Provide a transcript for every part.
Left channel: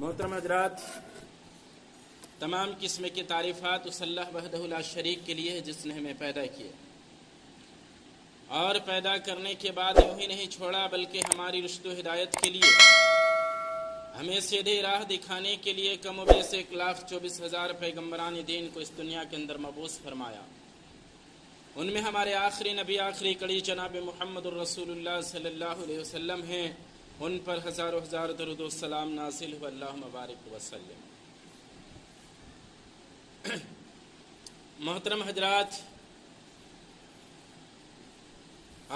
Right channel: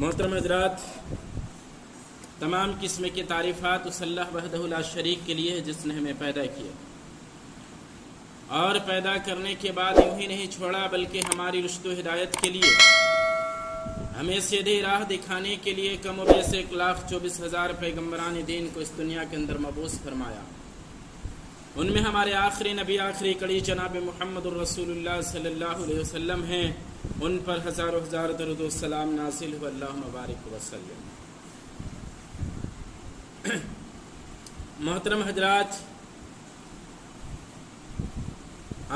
محترم حضرات، تمام قسم کی تعریفات اس اللہ وحدہ لا شریک کے لیے ہے جس نے ہمیں پیدا کیا اور پیدا کرنے کے بعد یوں ہی نہیں چھوڑا بلکہ ہماری رشد و ہدایت کے لیے، ہمیں سیدھی راہ دکھانے کے لیے کم و بیش 1,24,000 پیغمبران دین کو اس دنیا کے اندر مبعوث فرمایا۔ ان میں ہمارے آخری نبی، آخری کڑی جناب محمد الرسول اللہ صلی اللہ علیہ وسلم ہیں، ان پر ہزاروں ہزار درود و سلام نازل ہو، اللہم بارک وسلم۔ محترم حضرات،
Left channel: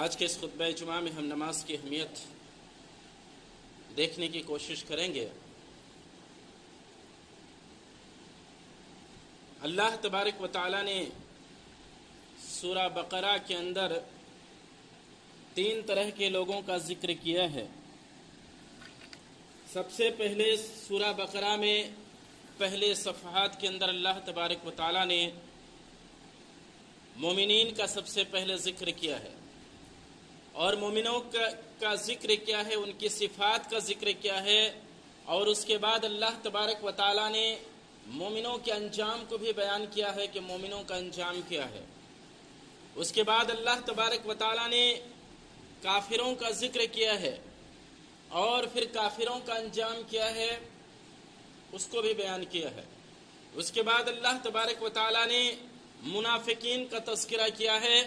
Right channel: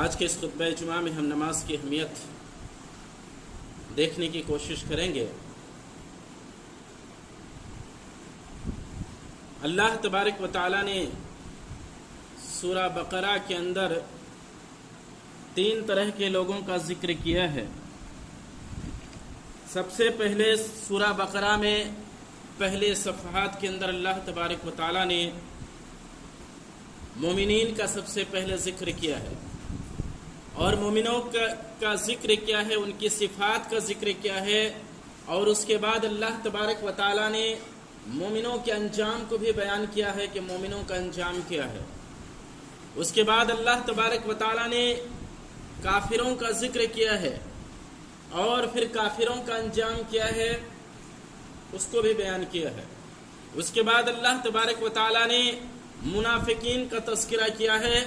آج کے اس خطبہ جمعہ میں ہم نماز کی اہمیت دیکھنے کی کوشش کریں گے۔ اللہ تبارک و تعالی نے سورہ بقرہ کے اندر 3 طرح کے لوگوں کا ذکر کیا ہے۔ سب سے پہلے سورہ بقرہ میں پہلے صفحات کے اندر اللہ تبارک و تعالی نے مومنین کا سب سے پہلے ذکر کیا ہے، اور مومنوں کا ذکر کیا ہے، ان کی صفات کا ذکر کیا ہے، اور اس کے بعد اللہ تبارک و تعالی نے مومنوں کے انجام کو بھی بیان کیا ہے کہ مومنوں کا انجام کیا ہے۔ اس کے بعد اللہ تبارک و تعالی نے کافروں کا ذکر کیا ہے، اور پھر کافروں کا انجام کیا ہے اس کو بھی بیان کیا ہے۔ اس کے بعد اللہ تبارک و تعالی نے منافقین کا تذکرہ کیا ہے،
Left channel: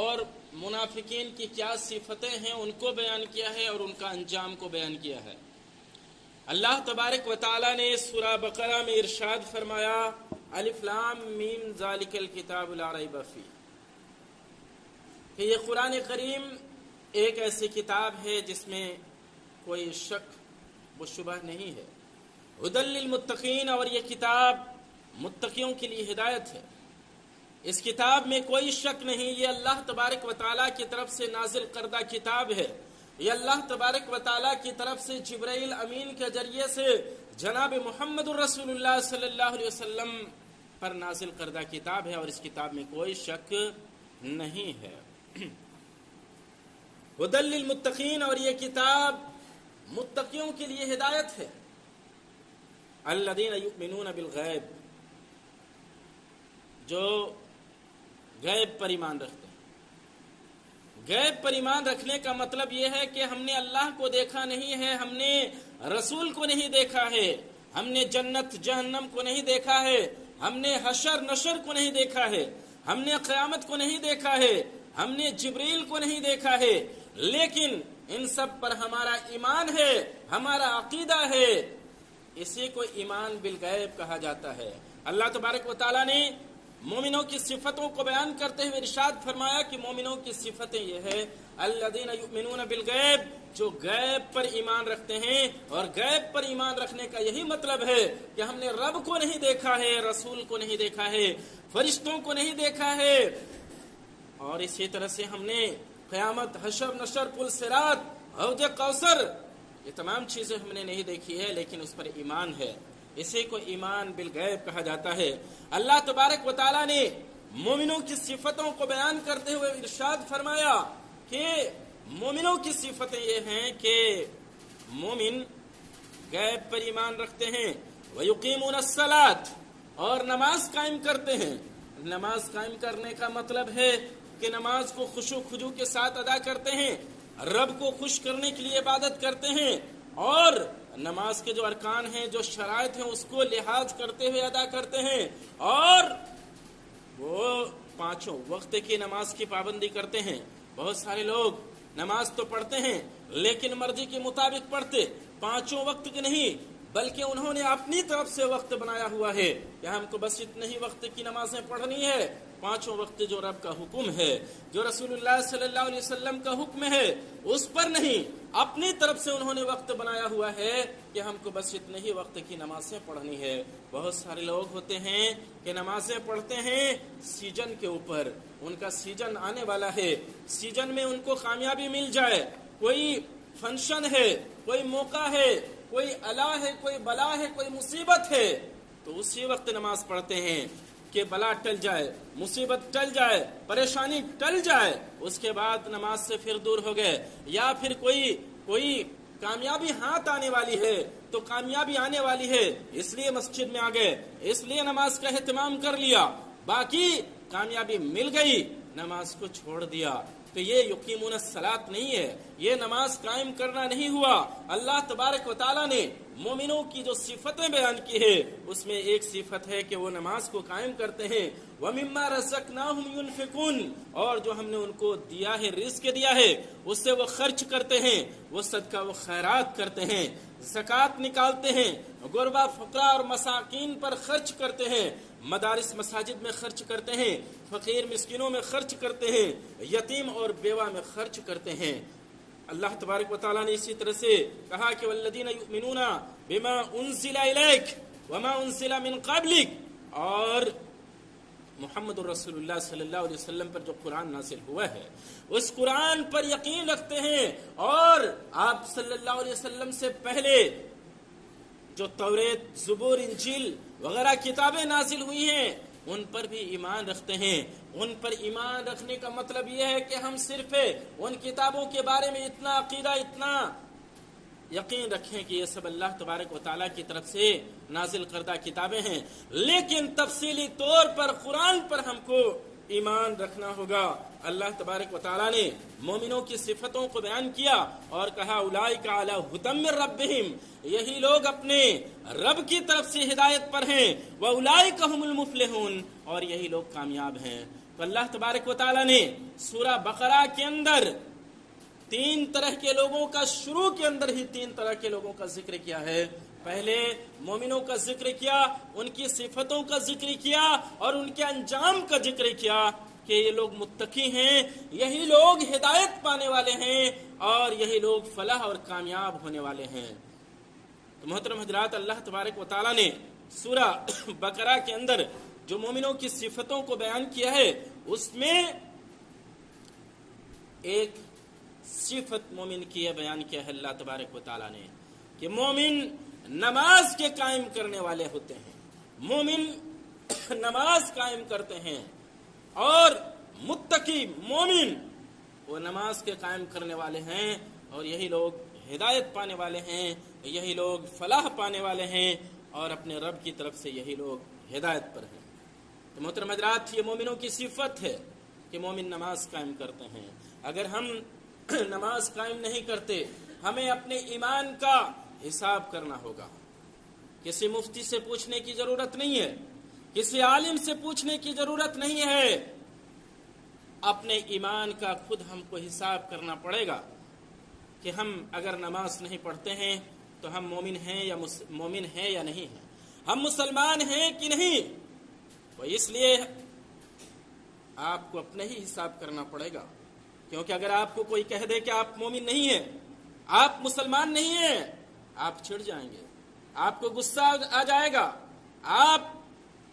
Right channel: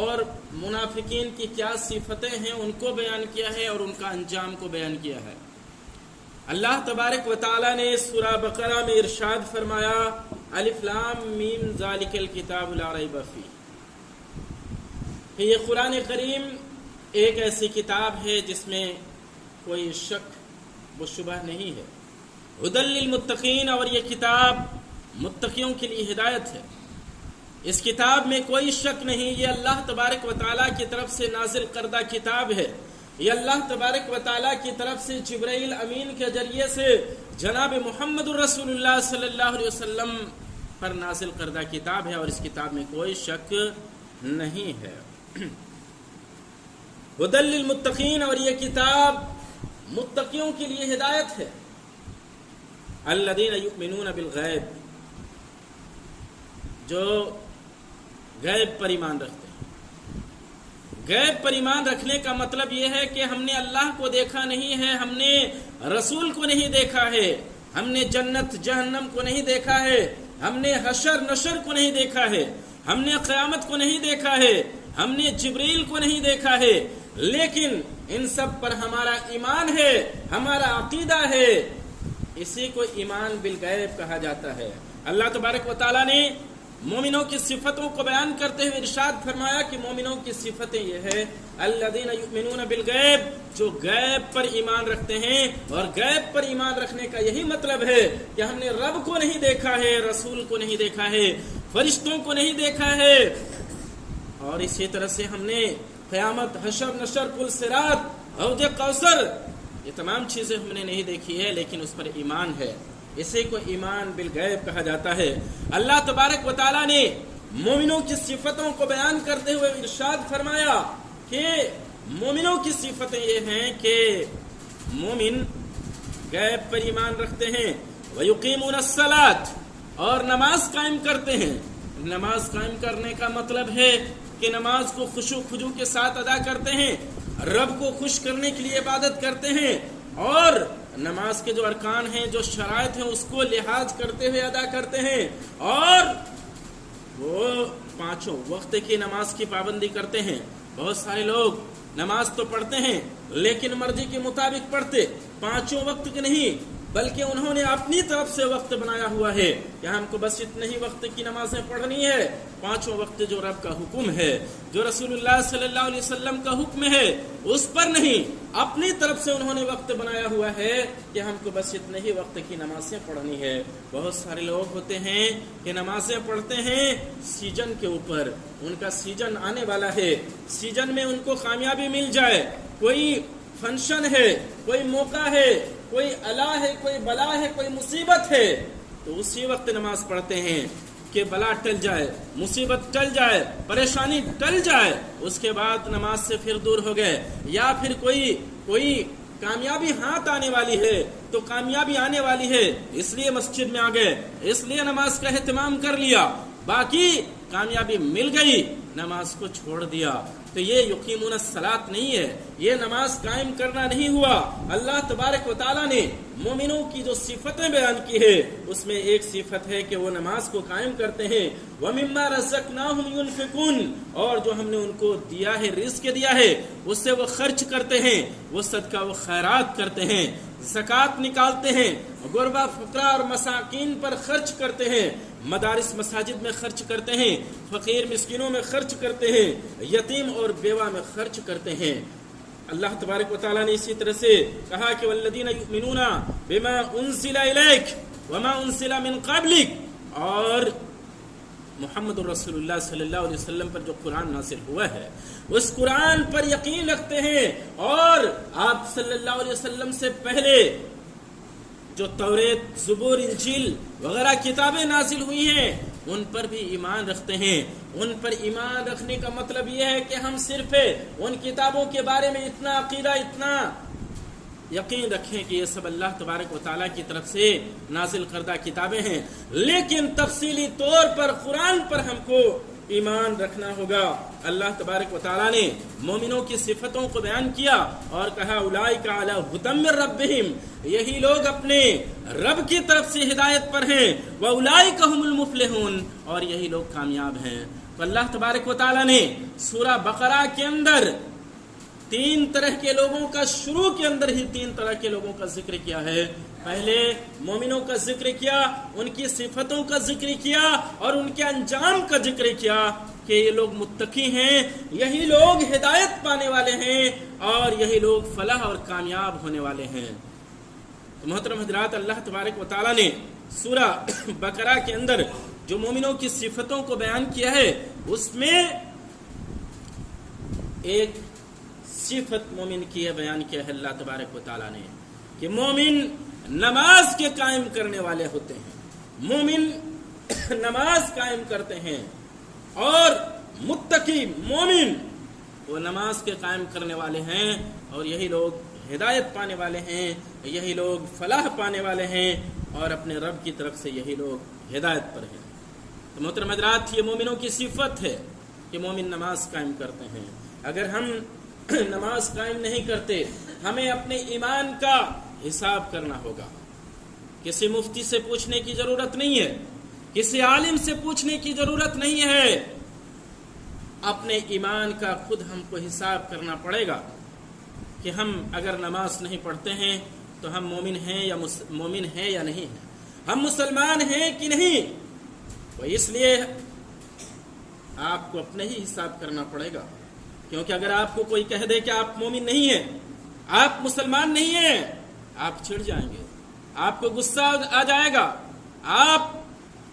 اور منافقین کی کیا صفتیں ہیں ان کو بیان کیا ہے، اور ان کا انجام کو بیان کیا ہے۔ اللہ تبارک و تعالی نے سورہ بقرہ میں ارشاد فرمایا، الف لام میم ذالک الکتاب لا ریب فیہ، کہ یہ قرآن کریم ایک ایسی کتاب ہے جس میں کوئی شک و شبہ نہیں ہے، ھدی للمتقین، اور یہ کتاب متقیوں کے لیے ہدایت ہے۔ اس کتاب میں کوئی شک نہیں، یہ اللہ تبارک و تعالیٰ کی طرف سے نازل کردہ کتاب ہے، یہ اللہ تبارک و تعالیٰ کی طرف سے جبرائیل امین کے ذریعے سے جناب محمد الرسول اللہ صلی اللہ علیہ وسلم پر نازل کردہ کتاب ہے، اور اس کتاب میں کوئی شک نہیں ہے۔ ھدی للمتقین، اور یہ کتاب متقیوں کے لیے ہدایت ہے۔ الذین یؤمنون بالغیب، جو غیب پر ایمان رکھتے ہیں۔ غیب پر ایمان رکھنے کا مطلب یہ ہے کہ ہم نے اللہ کو دیکھا نہیں ہے، ہم نے رسول کو نہیں دیکھا ہے، ہم نے جنت جہنم کو نہیں دیکھا ہے، ہم نے حشر نشر کو نہیں دیکھا ہے، ہم نے قیامت کو نہیں دیکھا ہے، ہم نے جبریل کو نہیں دیکھا ہے، لیکن ان سب پر ہمارا ایمان ہے، ہمارا عقیدہ ہے، اسی کو ایمان بالغیب کہا جاتا ہے۔ اللہ تبارک و تعالیٰ نے مومنوں کی صفتوں کو بیان کرتے ہوئے ارشاد فرمایا کہ مومنوں کی صفتیں یہ ہے، الذین یؤمنون بالغیب، جو غیب پر ایمان رکھتے ہیں، اور غیب پر ایمان رکھنے کا یہی مطلب ہے کہ ہم نے رب کو نہیں دیکھا ہے، رسول کو نہیں دیکھا ہے، فرشتوں کو نہیں دیکھا ہے، اور اسی طرح سے ہم نے قیامت، حشر نشر، پل صراط، حوض کوثر، یہ تمام چیزیں ہم نے نہیں دیکھی ہے، لیکن اس پر ایمان ہے، اسی کو ایمان بالغیب کہا جاتا ہے۔ اللہ تبارک و تعالیٰ نے مومنوں کی صفتوں کو بیان کرتے ہوئے ارشاد فرمایا کہ مومنوں کی صفتیں یہ ہیں کہ مومن غیب پر ایمان رکھتے ہیں، وَيُقِيمُونَ الصَّلَاةَ، اور نماز قائم کرتے ہیں۔ نماز قائم کرنے کا مطلب ہے کہ نماز کو خشوع خضوع کے ساتھ ادا کرتے ہیں، رب کو خوش کرنے کے لیے عبادت کرتے ہیں، اور نماز کے جو ارکان ہیں، جو شرائط ہیں، اس کو لحاظ کرتے ہوئے ادا کرتے ہیں، اور وہ 5 وقت کی نماز کی پابندی کرتے ہیں۔ بہت سارے لوگ نماز تو پڑھتے ہیں لیکن مرضی کے مطابق پڑھتے، 5 وقت کی نہیں، بلکہ انہوں نے اپنی طرف سے وقت بنایا ہوا ہے کہ ہم کو بس اتنے ہی وقت کی نمازیں پڑھنی ہے، 5 وقت جو رب کا حکم ہے، جو رسول اللہ صلی اللہ علیہ وسلم کا حکم ہے، اس پر نہیں، اپنی طرف سے انہوں نے وقت بنایا ہوا ہے کہ ہم کو بس اتنے ہی وقت کی نمازیں پڑھنی ہے۔ بہت سارے لوگ ہوتے ہیں کہ نمازیں پڑھتے ہیں سیزن کے اوپر، ان کا سیزن آنے والا ہے، سیزن میں ان کو کامیابی مل جائے، کوئی فنکشن ہے، کوئی موقع ہے، کوئی الا ہے، کوئی بلا ہے، کوئی مصیبت ہے، تو اسی وقت نماز پڑھتے ہیں کہ بلا ٹل جائے، مصیبت ٹل جائے، پریشانی ٹل جائے، اس کے بعد نماز سے پھر دور ہو گئے، یا پھر کوئی کامیابی ہاتھ آنے والی ہے تو کامیابی آنے والی ہے، اس لیے مسجد میں آ گئے، اس لیے نماز کا اہتمام کر لیا، باقی کامیابی مل گئی، نماز کو چھوڑ دیا، تو یہ یقیمون الصلاۃ نہیں ہے، یہ نماز قائم کرنا نہیں ہوا۔ اللہ تبارک و تعالیٰ نے مومنوں کی جو صفتیں بیان کی ہے اس میں ایک صفت ہے کہ وہ نماز کو قائم کرتے ہیں، وَمِمَّا رَزَقْنَاهُمْ يُنْفِقُونَ، اور جو ہم نے ان کو دیا ہے، رزق دیا ہے، اس سے وہ خرچ کرتے ہیں، وہ صدقہ و خیرات کرتے ہیں، زکوٰۃ نکالتے ہیں، غربا فقراء اور مساکین پر خرچ کرتے ہیں، مدارس مساجد میں خرچ کرتے ہیں، فقیر مسکینوں میں خرچ کرتے ہیں، یتیم اور بیوہ میں خرچ کرتے ہیں۔ اللہ تبارک و تعالیٰ نے اسی طرح سے کہا کہ والذین یؤمنون بما انزل الیک وما انزل من قبلک، اور محمد رسول اللہ صلی اللہ علیہ وسلم پر جو قرآن نازل ہوا ہے اس قرآن پر یقین رکھتے ہیں، اور آپ صلی اللہ علیہ وسلم سے پہلے جو توریت، زبور، انجیل وغیرہ کتابیں نازل ہوئی ہیں ان پر بھی ایمان رکھتے ہیں۔ ان پر ایمان رکھنے کا مطلب یہ ہے کہ ہم صرف ان کتابوں کے بارے میں اتنا عقیدہ، اتنا یقین رکھیں کہ یہ سب اللہ تبارک و تعالیٰ کی طرف سے نازل کردہ کتابیں ہیں، لیکن تفصیلی طور پر قرآن پر ہم کو ایمان رکھنا ہوگا۔ اللہ تبارک و تعالیٰ نے مومنوں کی صفتوں کو بیان کیا اور کہا اولئک علی ھدی من ربہم، یہی لوگ اپنے رب کی طرف سے ہدایت پر ہیں، واولئک ھم المفلحون، اور یہی لوگ کامیاب ہیں۔ تو اللہ تبارک و تعالیٰ نے سورہ بقرہ کے اندر تین طرح کے لوگوں کا، شروع کے اندر ہی تین طرح کے لوگوں کا ذکر کیا ہے۔ پہلے مومنوں کا ذکر کیا، ان کی صفتوں کا ذکر کیا اور ان کے انجام کا ذکر کیا کہ یہ لوگ متقی ہیں، یہی لوگ ہدایت پانے والے ہیں اور یہی لوگ فلاح اور کامیاب ہونے والے ہیں۔ تو محترم حضرات، اللہ تبارک و تعالیٰ نے سورہ بقرہ کے اندر جو مومنوں کی صفتوں کو بیان کیا ہے اس میں ایک صفت مومن کی بیان کیا ہے اللہ تبارک و تعالیٰ نے کہ مومن نماز کے قائم کرنے والے ہوتے ہیں، مومن نماز قائم کرتے ہیں، اور متقی مومن وہ نماز کے قائم کرنے والے ہیں، اور یہی لوگ ہدایت پانے والے ہیں، یہی لوگ فلاح پانے والے ہیں، اور اپنے رب کی طرف سے یہی لوگ ہدایت پر ہیں۔ تو محترم حضرات، یہ مومنوں کی صفت ہے کہ مومن نماز قائم کرتے ہیں۔ اگر ہم نماز قائم نہیں کرتے، ہمیں اپنے ایمان کا حساب کرنا ہوگا۔ کسی مفتی سے پوچھنے کی ضرورت نہیں ہے، کسی عالم سے پوچھنے کی ضرورت نہیں ہے، اپنے ایمان کا خود ہم کو حساب کرنا پڑے گا کہ ہم اگر نماز نہیں پڑھتے ہیں تو ہم مومن ہیں یا نہیں ہیں، ہم مسلمان ہیں کہ نہیں۔ تو اس لیے آپ کو اپنے ہی حساب کرنا پڑے گا، کیونکہ اگر آپ کو کوئی کہہ دے کہ آپ مومن نہیں ہیں، آپ مسلمان نہیں ہیں، آپ چڑھ جائیں گے، آپ کو غصہ آ جائے گا، آپ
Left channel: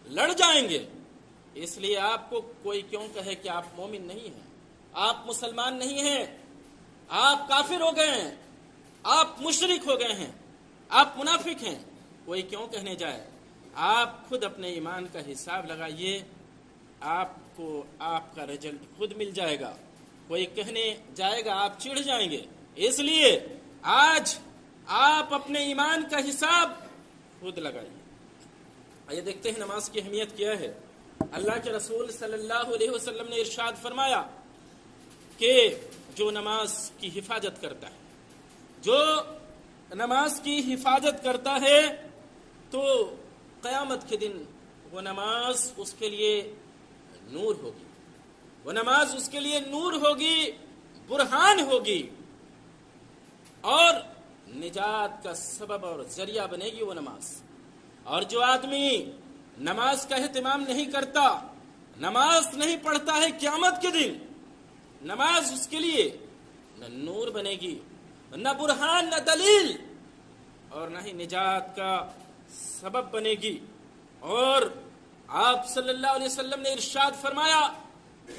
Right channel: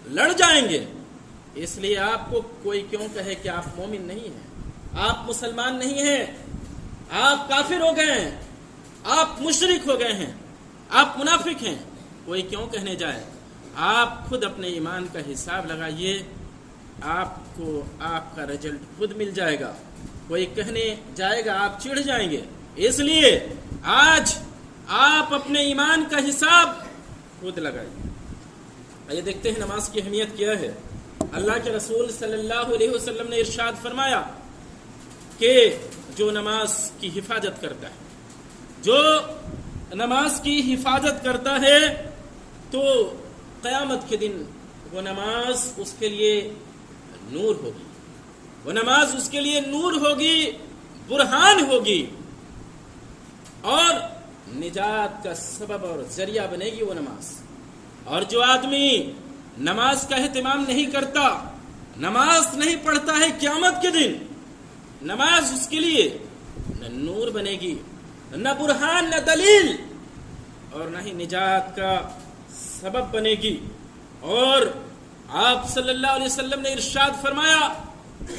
لڑ جائیں گے۔ اس لیے آپ کو کوئی کیوں کہے کہ آپ مومن نہیں ہیں، آپ مسلمان نہیں ہیں، آپ کافر ہو گئے ہیں، آپ مشرک ہو گئے ہیں، آپ منافق ہیں، کوئی کیوں کہنے جائے، آپ خود اپنے ایمان کا حساب لگائیے، آپ کو آپ کا رزلٹ خود مل جائے گا۔ کوئی کہنے جائے گا آپ چڑھ جائیں گے۔ اس لیے آج آپ اپنے ایمان کا حساب خود لگائیے۔ آئیے دیکھتے ہیں نماز کی اہمیت کیا ہے۔ اللہ کے رسول صلی اللہ علیہ وسلم نے ارشاد فرمایا کہ جو نماز کی حفاظت کرتا ہے، جو نماز کی حفاظت کرتا ہے تو قیامت کے دن وہ نماز اس کے لیے نور ہوگی، وہ نماز اس کے لیے نور ہوگی، برہان ہوگی، اور نجات کا سبب اور ذریعہ بنے گی وہ نماز۔ اور جو آدمی نماز کا اہتمام نہیں کرتا، نماز نہیں پڑھتا ہے، قیامت کے دن نماز اس کے لیے نہ نور بنے گی، نہ برہان، نہ دلیل، اور نہ ہی نجات کا سبب بنے گی۔ اور آپ صلی اللہ علیہ وسلم نے ارشاد فرمایا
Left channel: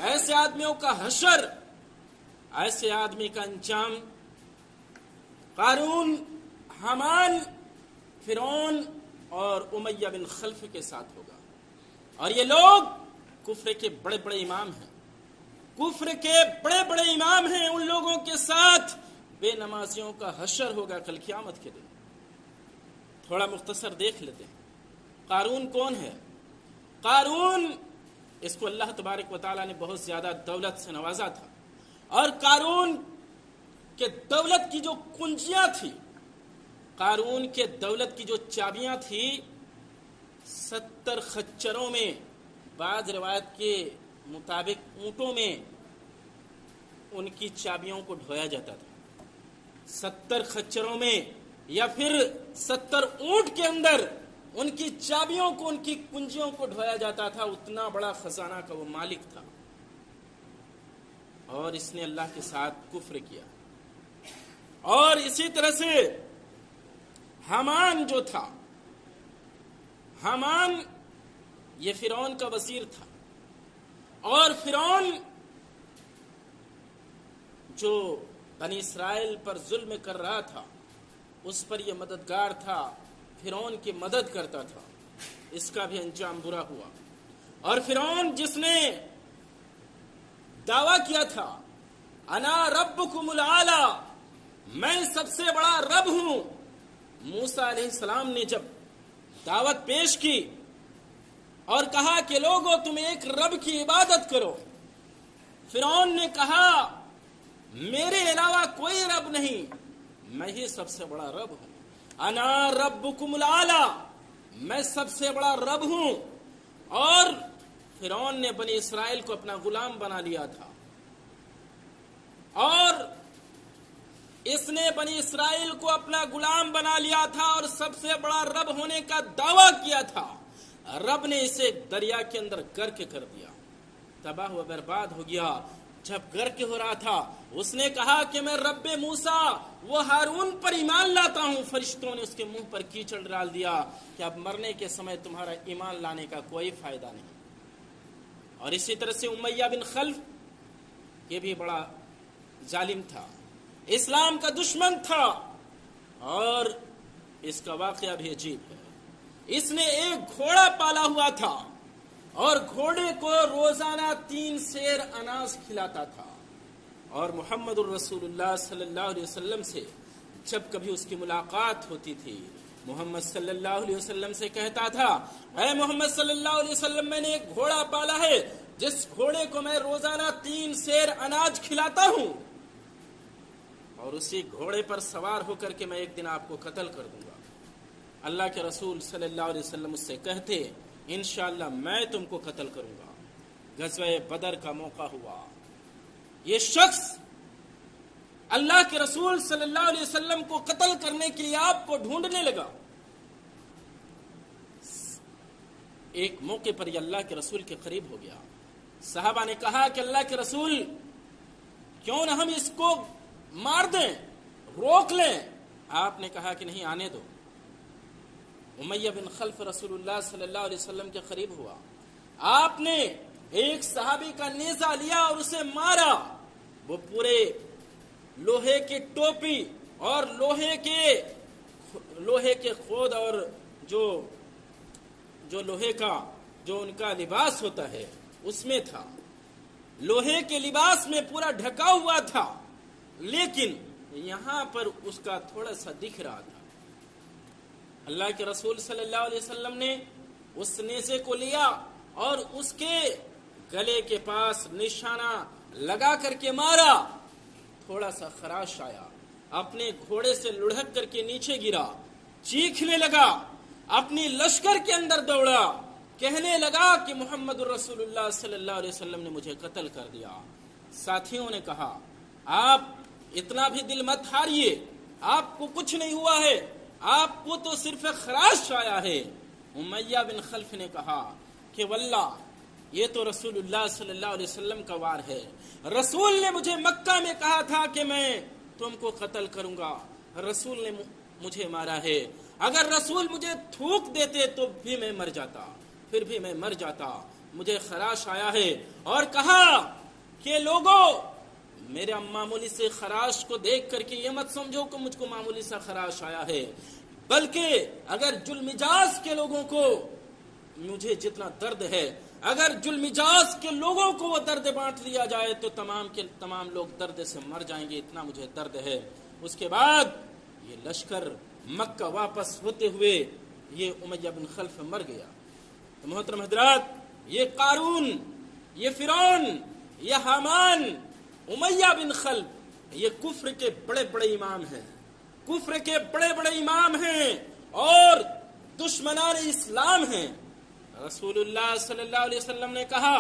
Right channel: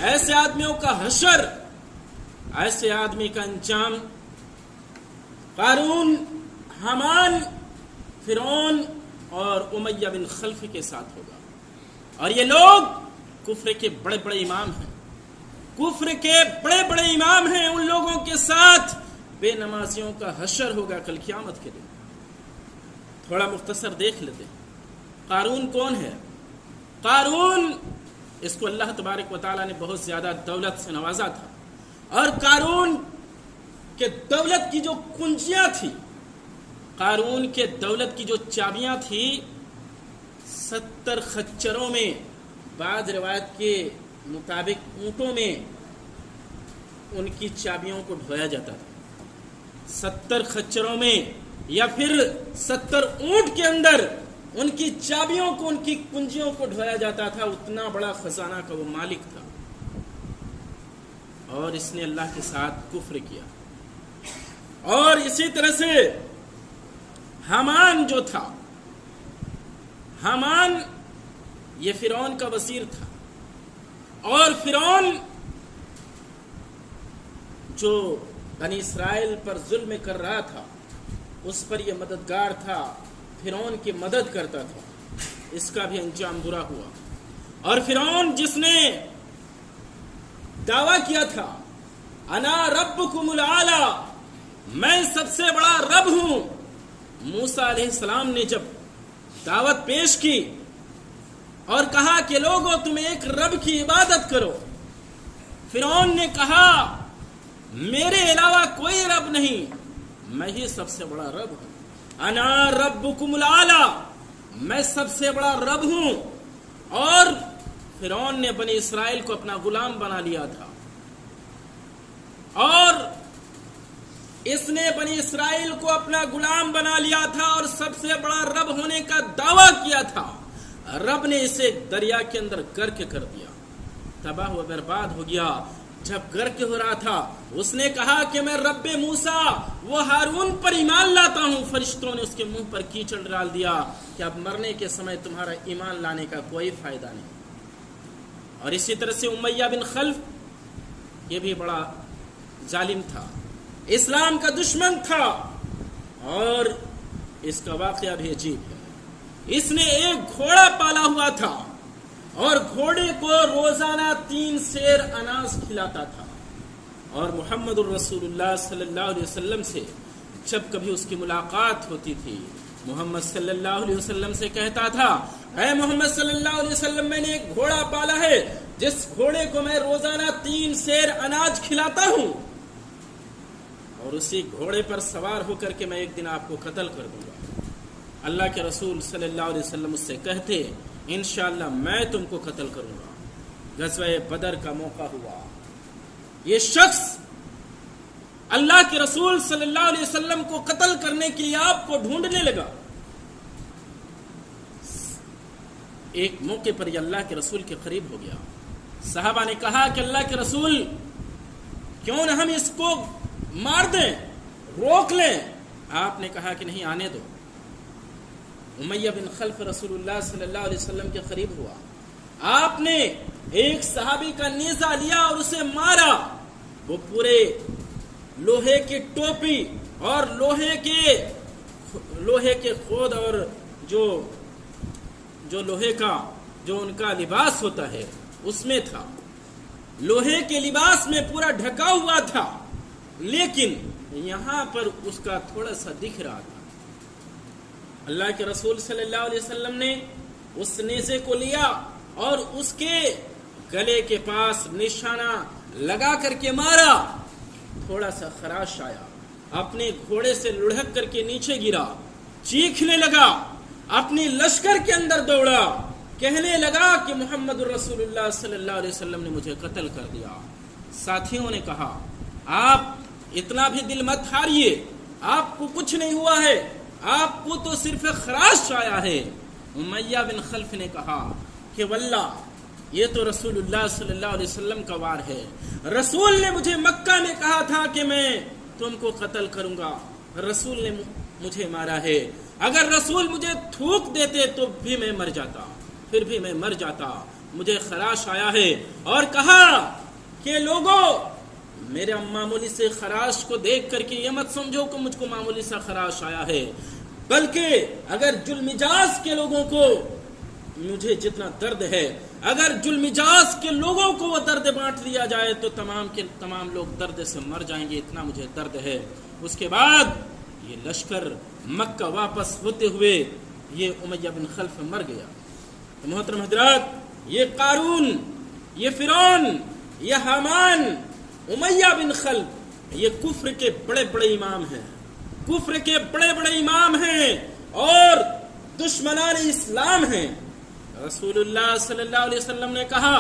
ایسے آدمیوں کا حشر، ایسے آدمی کا انجام قارون، حامان، فرعون اور امیہ بن خلف کے ساتھ ہوگا۔ اور یہ لوگ کفر کے بڑے بڑے امام ہیں، کفر کے بڑے بڑے امام ہیں، ان لوگوں کے ساتھ بے نمازیوں کا حشر ہوگا کل قیامت کے دن۔ تھوڑا مختصر دیکھ لیتے ہیں قارون کون ہے۔ قارون، اس کو اللہ تبارک و تعالیٰ نے بہت زیادہ دولت سے نوازا تھا، اور قارون کے دولت کی جو کنجیاں تھی، قارون کے دولت کی جو چابیاں تھی، 70 خچروں میں، بعض روایت کے مطابق اونٹوں میں ان کی چابیوں کو ڈھویا جاتا تھا۔ 70 خچروں میں یا پھر 70 اونٹ کے اندر ان کی چابیوں کو، ان کی کنجیوں کو ڈھویا جاتا تھا۔ اتنا بڑا خزانہ کا وہ مالک تھا، اور اس نے اللہ کے ساتھ کفر کیا۔ اور اسی طرح سے حامان جو تھا، حامان یہ فرعون کا وزیر تھا، اور فرعون جو بنی اسرائیل پر ظلم کر رہا تھا اس پر یہ مددگار تھا، فرعون کی مدد کرتا تھا۔ اس کا بھی انجام برا ہوا۔ اور فرعون جس نے دعویٰ کیا تھا انا ربکم الاعلی، میں سب سے بڑا رب ہوں، موسیٰ علیہ السلام نے جب دعوت پیش کی اور کہا کہ لوگوں تم ایک رب کی عبادت کرو، فرعون نے کہا میرے علاوہ کوئی رب نہیں، میں ہی سب سے بڑا رب ہوں، انا ربکم الاعلی، میں سب سے بڑا رب ہوں۔ اور فرعون نے بنی اسرائیل کو اپنا غلام بنا لیا تھا، اور اس نے بنی اسرائیل کو اپنا غلام بنا لیا تھا اور سب سے بڑا رب ہونے کا دعویٰ کیا تھا۔ رب نے اسے دریا کے اندر غرق کر دیا، تباہ و برباد ہو گیا۔ جب غرق ہو رہا تھا اس نے کہا کہ میں رب موسیٰ وہ ہارون پر ایمان لاتا ہوں۔ فرشتوں نے اس کے منہ پر کیچڑ ڈال دیا کہ اب مرنے کے سمے تمہارا ایمان لانے کا کوئی فائدہ نہیں۔ اور اسی طرح سے امیہ بن خلف، یہ بھی بڑا ظالم تھا، اسلام کا دشمن تھا، اور اس کا واقعہ بھی عجیب ہے۔ اس نے ایک گھوڑا پالا ہوا تھا اور گھوڑے کو روزانہ 3 سیر اناج کھلاتا تھا، اور محمد الرسول اللہ صلی اللہ علیہ وسلم سے جب کبھی اس کی ملاقات ہوتی تھی، محمد صلی اللہ علیہ وسلم سے کہتا تھا اے محمد صلی اللہ علیہ وسلم، میں نے ایک گھوڑا پالا ہے جس گھوڑے کو میں روزانہ 3 سیر اناج کھلاتا ہوں، اور اسی گھوڑے پر سوار ہو کر کے میں ایک دن آپ کو قتل کر دوں گا۔ اللہ کے رسول صلی اللہ علیہ وسلم اس سے کہتے انشاءاللہ میں تم کو قتل کروں گا۔ غزوہ بدر کا موقع ہوا، یہ شخص اللہ کے رسول صلی اللہ علیہ وسلم کو قتل کرنے کے لیے آپ کو ڈھونڈنے لگا۔ ایک موقع پر یہ اللہ کے رسول کے قریب ہو گیا۔ صحابہ نے کہا کہ اللہ کے رسول کیوں نہ ہم اس کو مار دیں، روک لیں۔ آپ نے کہا کہ نہیں، آنے دو۔ امیہ بن خلف رسول اللہ صلی اللہ علیہ وسلم کے قریب ہوا، آپ نے ایک صحابی کا نیزہ لیا اور اسے مارا۔ وہ پورے لوہے کی ٹوپی اور لوہے کے خود اور جو لوہے کا جو ان کا لباس ہوتا ہے اس میں تھا، لوہے کے لباس میں پورا ڈھکا ہوا تھا، لیکن یہاں پر اس کا تھوڑا سا دکھ رہا تھا۔ اللہ کے رسول صلی اللہ علیہ وسلم نے اس نیزے کو لیا اور اس کے گلے کے پاس نشانہ لگا کر کے مارا۔ تھوڑا سا خراش آیا، اپنے گھوڑے سے لڑھک کر کے نیچے گرا، چیخنے لگا، اپنی لشکر کے اندر دوڑا، کہنے لگا کہ محمد الرسول اللہ صلی اللہ علیہ وسلم نے مجھے قتل کر دیا۔ ساتھیوں نے کہا آپ اتنا بھی دل مت ہاریے، آپ کو کچھ نہیں ہوا ہے، آپ کو تو صرف خراش آیا ہے۔ امیہ بن خلف نے کہا کہ واللہ یہ تو رسول اللہ صلی اللہ علیہ وسلم کا وار ہے، رسول نے مجھے مکہ میں کہا تھا کہ میں تم کو قتل کروں گا، رسول نے مجھے مارا ہے، اگر رسول مجھے تھوک دیتے تو بھی میں مر جاتا، پھر بھی میں مر جاتا، مجھے خراش آیا ہے۔ اور کہا کہ لوگوں میرے معمولی سے خراش کو دیکھ کر کے یہ مت سمجھو کہ مجھ کو معمولی سا خراش آیا ہے، بلکہ اگر جلمجاز کے لوگوں کو مجھے جتنا درد ہے، اگر جلمجاز کے لوگوں کو وہ درد بانٹ دیا جائے تو تمام کے تمام لوگ درد سے مر جائیں گے، اتنا مجھے درد ہے۔ اس کے بعد یہ لشکر مکہ واپس ہوتے ہوئے یہ امیہ بن خلف مر گیا. تو محترم حضرات، یہ قارون، یہ فرعون، یہ حامان، امیہ بن خلف، یہ کفر کے بڑے بڑے امام ہیں، کفر کے بڑے بڑے امام ہیں اور دشمنان اسلام ہیں. رسول اللہ صلی اللہ علیہ وسلم نے کہا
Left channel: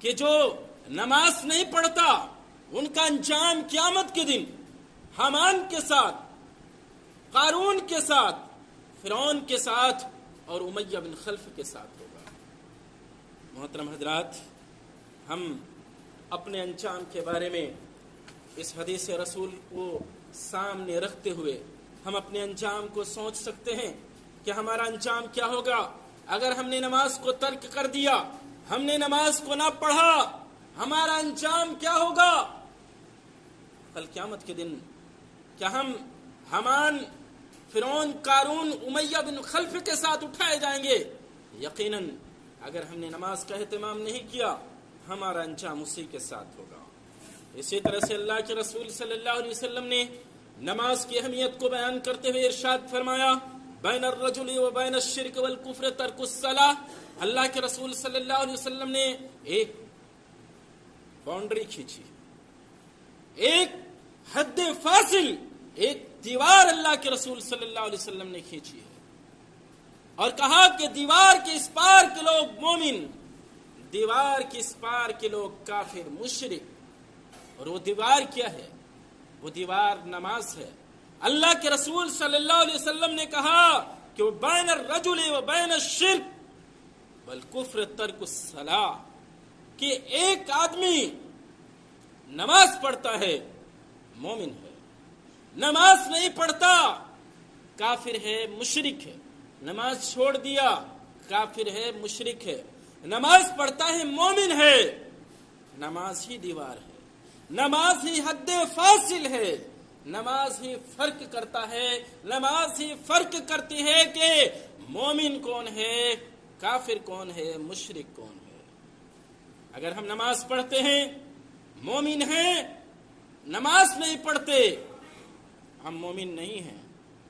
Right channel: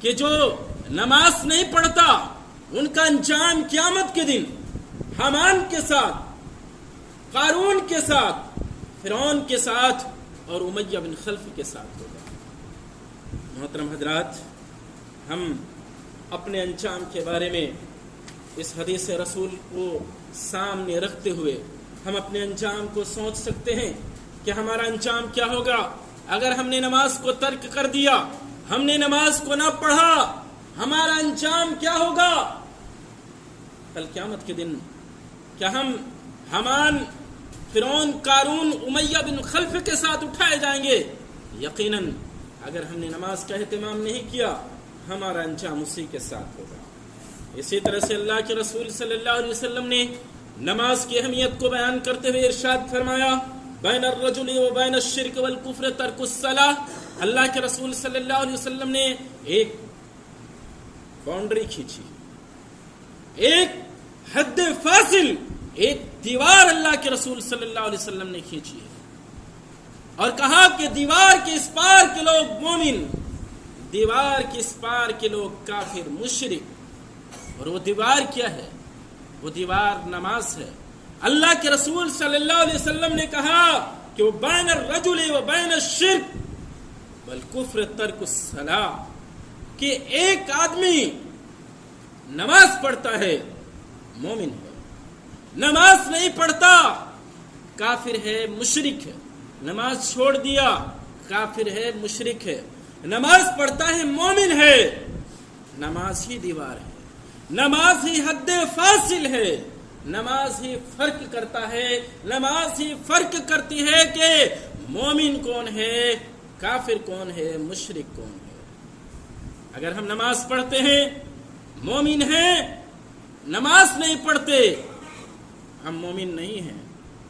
کہ جو نماز نہیں پڑھتا ان کا انجام قیامت کے دن حامان کے ساتھ، قارون کے ساتھ، فرعون کے ساتھ اور امیہ بن خلف کے ساتھ ہوگا. محترم حضرات، ہم اپنے انجام کے بارے میں اس حدیث رسول کو سامنے رکھتے ہوئے ہم اپنے انجام کو سوچ سکتے ہیں کہ ہمارا انجام کیا ہوگا اگر ہم نے نماز کو ترک کر دیا، ہم نے نماز کو نہ پڑھا، ہمارا انجام کیا ہوگا کل قیامت کے دن؟ کیا ہم حامان، فرعون، قارون، امیہ بن خلف کے ساتھ اٹھائے جائیں گے؟ یقیناً اگر ہم نے نماز کا اہتمام نہیں کیا ہمارا انجام اسی کے ساتھ ہوگا. اسی طرح سے اللہ کے رسول صلی اللہ علیہ وسلم نے نماز کی اہمیت کو بیان کرتے ہوئے ارشاد فرمایا، بین الرجل و بین الشرک والکفر ترک الصلاۃ. اللہ کے رسول صلی اللہ علیہ وسلم نے ایک باؤنڈری کھینچی، ایک حد فاصل، ایک دیوار اللہ کے رسول صلی اللہ علیہ وسلم نے کھینچی ہے اور کہا کہ دیوار کے اس پار کے لوگ مومن، دیوار کے اس پار کے لوگ کافر، مشرک. اور وہ دیوار کیا ہے؟ وہ دیوار نماز ہے. اللہ کے رسول صلی اللہ علیہ وسلم نے کہا کہ وہ بین الرجل و بین الشرک والکفر ترک الصلاۃ، کہ ایک آدمی نماز پڑھتا ہے مومن ہے، نماز نہیں پڑھتا کافر ہے، مشرک ہے. نماز چھوڑ دیا کافر ہے، مشرک ہے. نماز پڑھتا ہے مومن ہے. نماز ہی دیوار ہے، نماز ہی حد فاصل ہے، نماز ہی فرق کرتا ہے، نماز ہی فرق کرتی ہے کہ مومن کون ہے، کافر کون ہے، مشرک کون ہے. اگر ہم نماز پڑھتے ہیں مومن ہیں، نماز نہیں پڑھتے ہم مومن نہیں ہیں،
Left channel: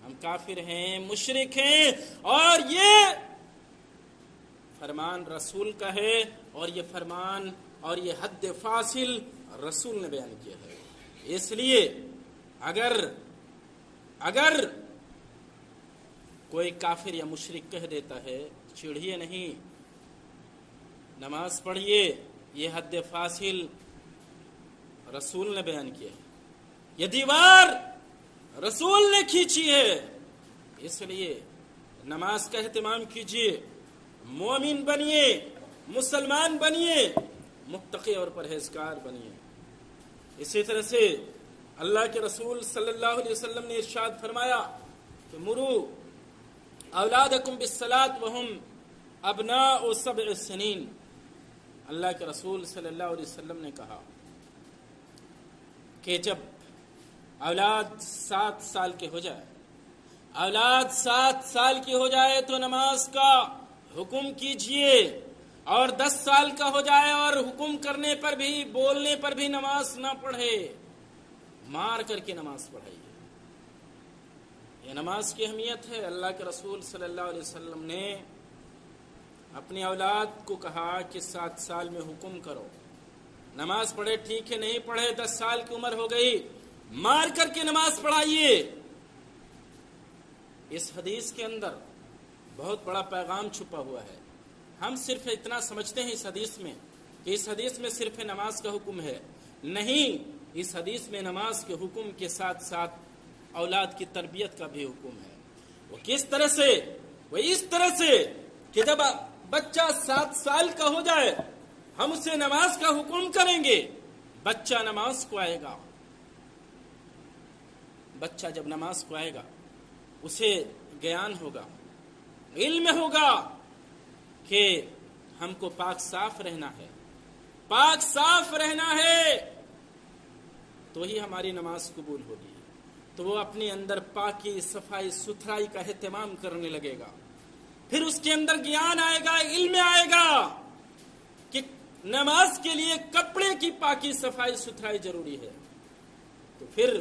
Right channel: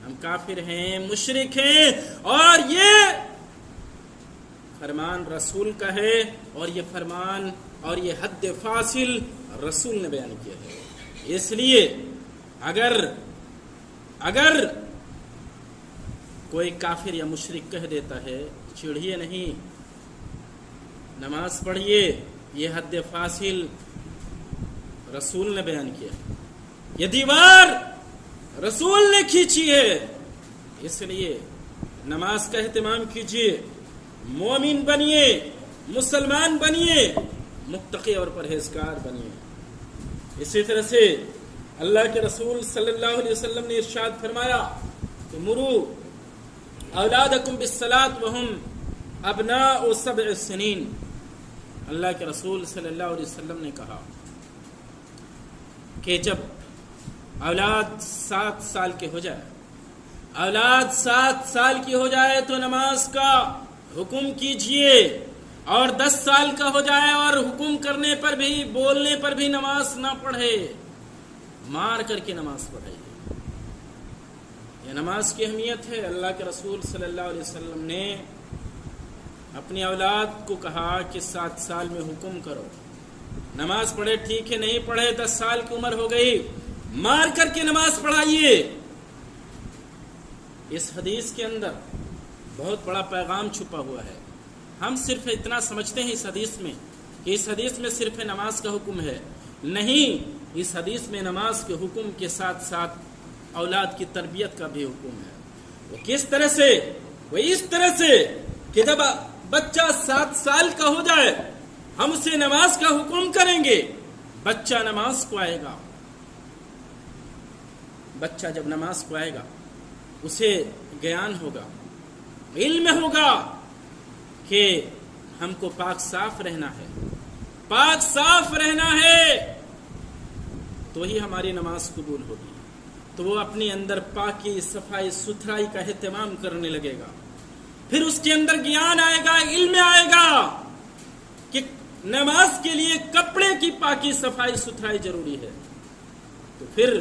ہم کافر ہیں، مشرک ہیں. اور یہ فرمان رسول کا ہے اور یہ فرمان اور یہ حد فاصل رسول نے بیان کیا ہے. اس لیے اگر کوئی کافر یا مشرک کہہ دیتا ہے چڑھیے نہیں، نماز پڑھیے، یہ حد فاصل رسول نے بیان کیا، یہ دیوار رسول نے کھینچی ہے. اس لیے نماز کا اہتمام کیجیے، مومن بنیے، مسلمان بنیے، متقی اور پرہیزگار بنیے. اسی طرح سے اللہ کے رسول صلی اللہ علیہ وسلم نے ارشاد فرمایا کہ مرو اولادکم بالصلاۃ وہم ابناء 7 سنین. اللہ کے رسول صلی اللہ علیہ وسلم نے کہا کہ جب اولاد 7 سال کے ہو جائے، اولاد 7 سال کی ہو جائے تو نماز کا حکم کیجئے، اور 10 سال کا ہو جائے اور حکم کرنے پر بھی، بولنے پر بھی نماز نہ پڑھے، مار کر کے نماز پڑھائیے. یہ نماز کی اہمیت ہے. اللہ کے رسول صلی اللہ علیہ وسلم نے اپنی اولاد کو کہا کہ 7 سال میں حکم کرو، نماز پڑھے، ٹھیک ہے، نہیں پڑھے، 10 سال کی عمر ہو گئی، مار کر کے نماز پڑھائیے. اس حدیث کے اندر بہت بڑا پیغام چھپا ہوا ہے. ہم صرف اتنا سمجھتے ہیں اس حدیث میں کہ اس حدیث میں صرف نماز کا حکم ہے. نہیں، اس حدیث میں نماز کے حکم کے ساتھ ساتھ اولاد کی تربیت کا بھی حکم ہے. وہ کس طرح سے؟ وہ اس طرح سے کہ جب بچہ 7 سال کا ہو جائے ہم اسے نماز کا حکم کریں گے، بچہ نماز کو آئے گا. بچہ جب نماز کو آئے گا اسے گیان ہوگا، علم ہوگا کہ ہم کو پاک صاف رہنا ہے، پاک صاف رہنا ہے، تو ہی ہماری نماز قبول ہوگی. تو وہ اپنے اندر پاکی، صفائی، ستھرائی کا اہتمام کرنے لگے گا. پھر اس کے اندر گیان آئے گا، علم آئے گا کہ نماز کے لیے کپڑے کی پاکی، صفائی، ستھرائی ضروری ہے. تو پھر